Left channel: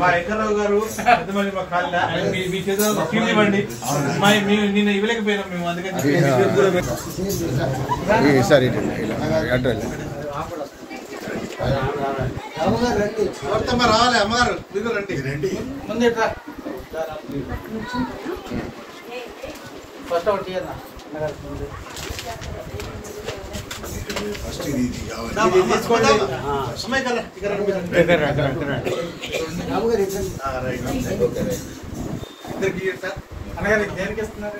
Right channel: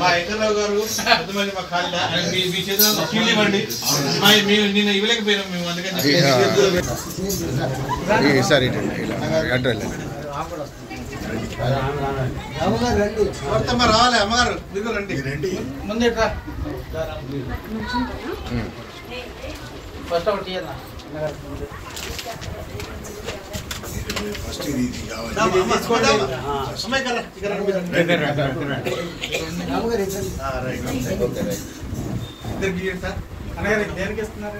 మా ఎకర్రావు గారు పెద్దమల్లి మా కాళ్ళ మీ చేతుల్లో కీళ్ళు ఇవ్వండి. నిన్న ఇవ్వలేకపోయినాం మేము, అందుకని రావాలి. అమ్మగారు మీరు రండి, ముందు ఫస్ట్ ఒకటి దేనికి ఇస్తున్నారు?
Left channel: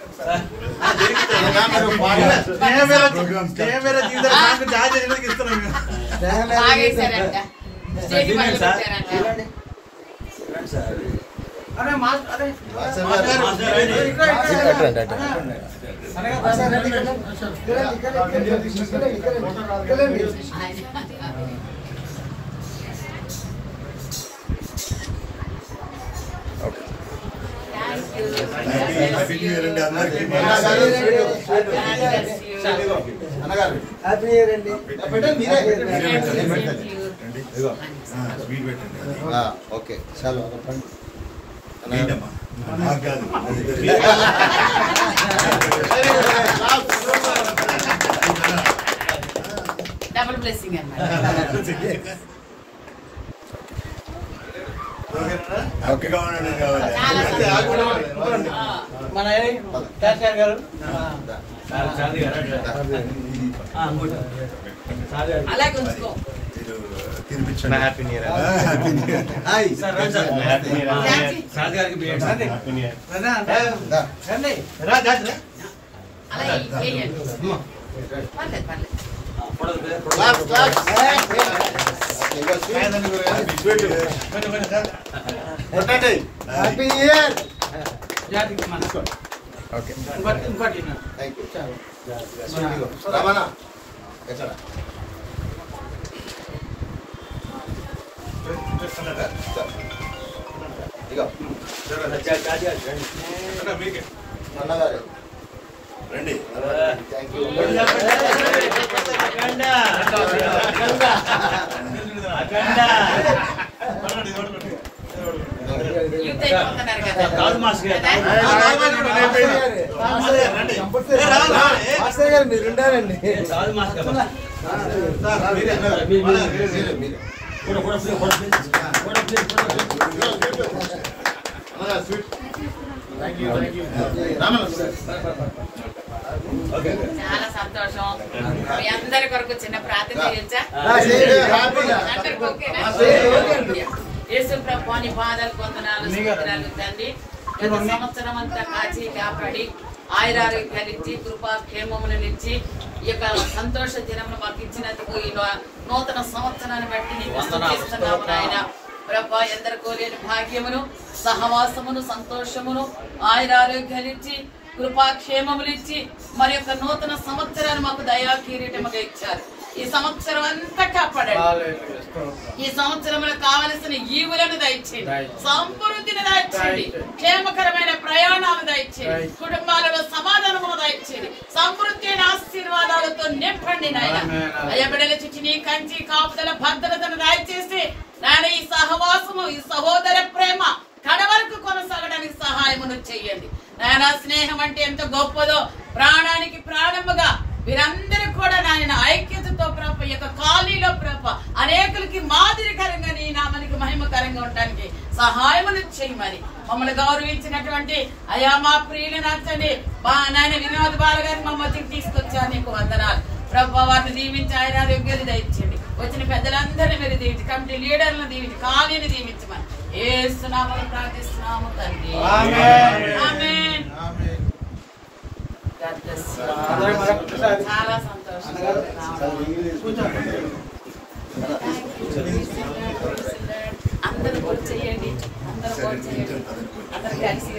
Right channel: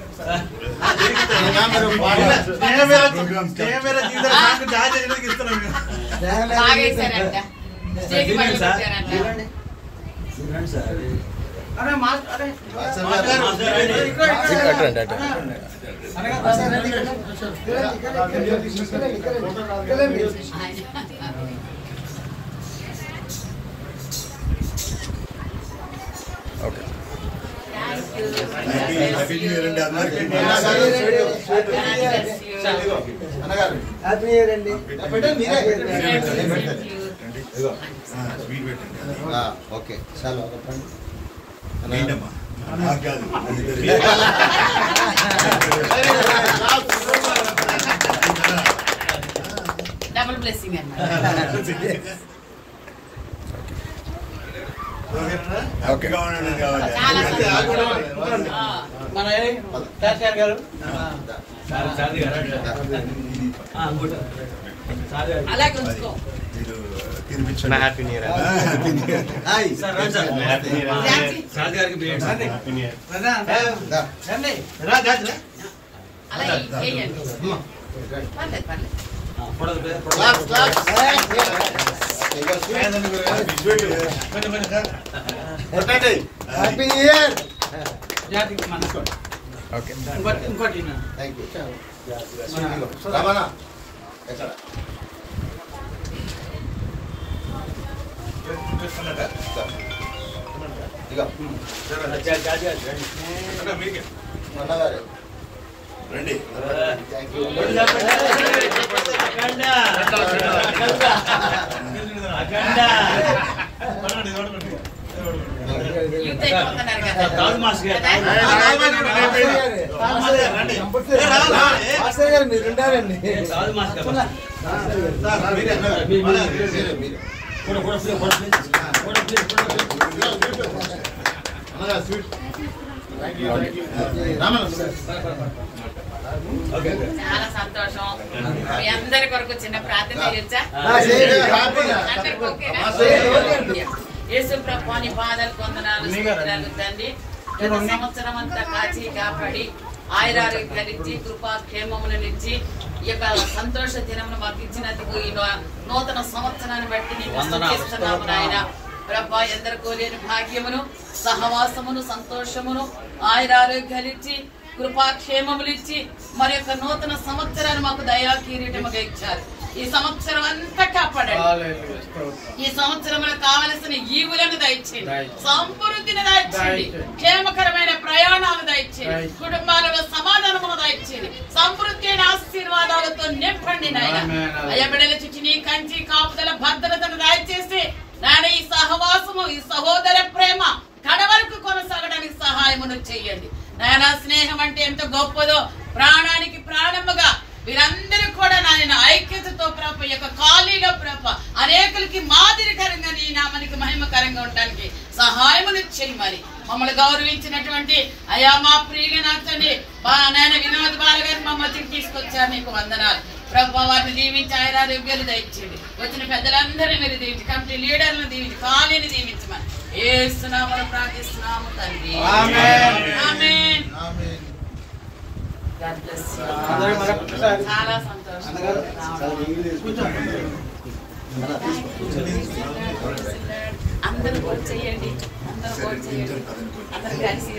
ఓకే చలో డబుల్ బ్లెస్సింగ్ మన గారు అలాగే ఉంచుకో. రండి. మీరు ఉండాలండి. చాలా సంతోషం. మీ అందరి కొరకు చిన్న ప్రార్థన చేయొచ్చా? యేసు ప్రభువా నీ పాదాలు వందనాలు స్తోత్రాలు తండ్రి. గత సంవత్సరం అంతా కాచి కాపాడి ఆయురారోగ్యాలిచ్చి కృపా క్షేమమునిచ్చి ఈ యొక్క సంతోష దినమును మాకు ఇచ్చినందుకు ఈ నూతన సంవత్సరాన్ని బట్టి నీకు స్తుతిస్తున్నాము నాయన. ప్రభా ఎందరికో లేని భాగ్యమును సహవాసమును సంతోషమును ఆయురారోగ్యాలిచ్చి కృపాక్షేమములు ఇచ్చి మరి యొక్క నూతన సంవత్సరాన్ని మాకు దయా కిరీటముగా ఇచ్చారు. ఈ సంవత్సరం అంతా కాపాడండి. ఈ సంవత్సరంలో కావలసిన ఈవులను దయచేయండి, సమృద్ధిని దయచేయండి, క్షేమకరమైన ప్రయాణాలు దయచేయండి, కుటుంబాలలో సమాధానము దయచేయండి, సమృద్ధి అయిన ఆశీర్వాదాలతో నింపండి నాయన. అయ్యా బిడ్డల చుట్టూ నీ కంచి కాపుదల భద్రతను దయచేసి నాయన ఈ సహవాసము ఈ సహోదర ప్రేమ కడవరకు కొనసాగడానికి సహాయమును చేయండి నాయన. స్నేహం అంటే ఎంత గొప్పదో, ప్రాణానికి ప్రాణముగా వీరందరూ కూడా నాయన ఐక్యతతో ప్రభ యొక్క ఖాళీలో ప్రభ అనేకులకి మాదిరికరంగా నీ నామానికి మహిమకరంగా ఉండడానికి సహాయమును చేయమని మమ్మల్ని గౌరవించినటువంటి అయా మా ప్రియులు నచ్చండి మా నాయన వినోద్ బాల గారిని మమ్మల్ని తీసుకొచ్చారు. నీకు వందనాలు ప్రభ. వారిని దీవించి ఆయురారోగ్యాలు దయచేయండి. వచ్చిన పెద్దలందరినీ మీరు దీవించి, కమిటీ లీడర్లను దీవించి, ఖాళీని దీవించమని యేసు నామములో ప్రార్థిస్తున్నాము తండ్రి. ఆమేన్. చాలా సంతోషం. అందరూ vote చేయండి, అందరూ vote చేయండి. అందరూ కలిసి